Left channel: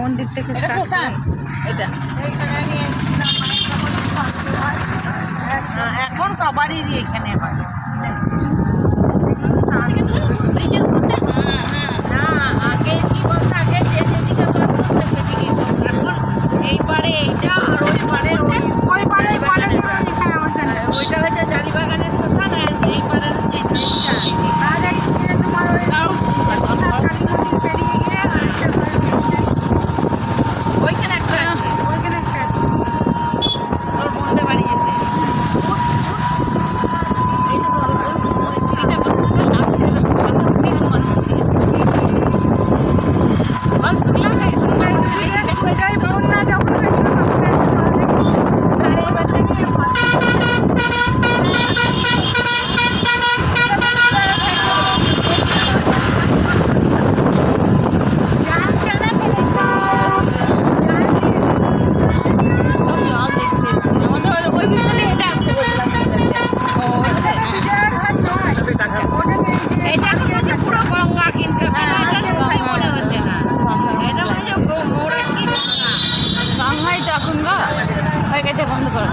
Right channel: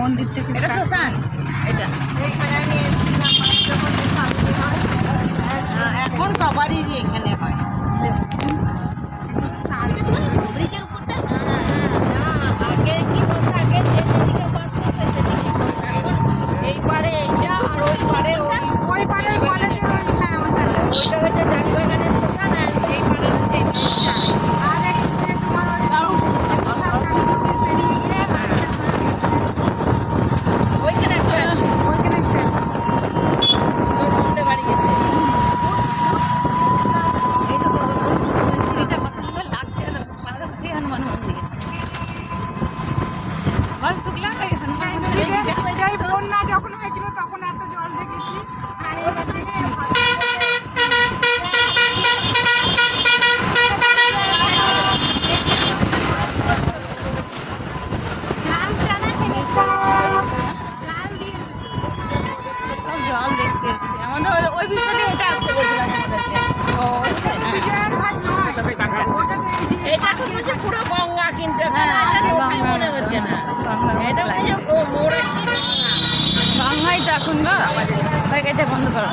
মন্দির থেকে এটা শ্মশান এটা এখন সবারই এখানে হয়। ব্রিজের উপরটা না আগে কি বলতো, আগে যে যেদিকে পারতো সে সেদিকে করতো। এখন এই পারে এইটা আর ওই পারে ওই পারে কলেজের ওইটা হচ্ছে জারিবাগানের শ্মশান, আর এই পারে হচ্ছে এইটা। আর একদিকে তোমার ওই কালী মন্দির পেরিয়ে গিয়ে আরেকটা ওইখানে একটা আছে, ওইখানে একটা আছে তোর বন্ধে বাড়ি যেতে। এই তো ওই সিঁড়িটা কত সুন্দর লাগছে, পাশে উঠে হনুমান মন্দির বল শুকলা হনুমান মন্দির বন্যা যখন হয়েছিল তখন এত জল দেখেছে, আর এবার দেখেছে সব জল দেখতে এসেছি। আমাদের ওই বিষয়ে এটা আসতে বলছিলাম তোমাদেরকে। এটা হচ্ছে পুরো গঙ্গা, কিন্তু মনে হচ্ছে না এটা হচ্ছে মোড় কি গঙ্গাই তো এখন গা হয়ে গেছে বন্ধ করা।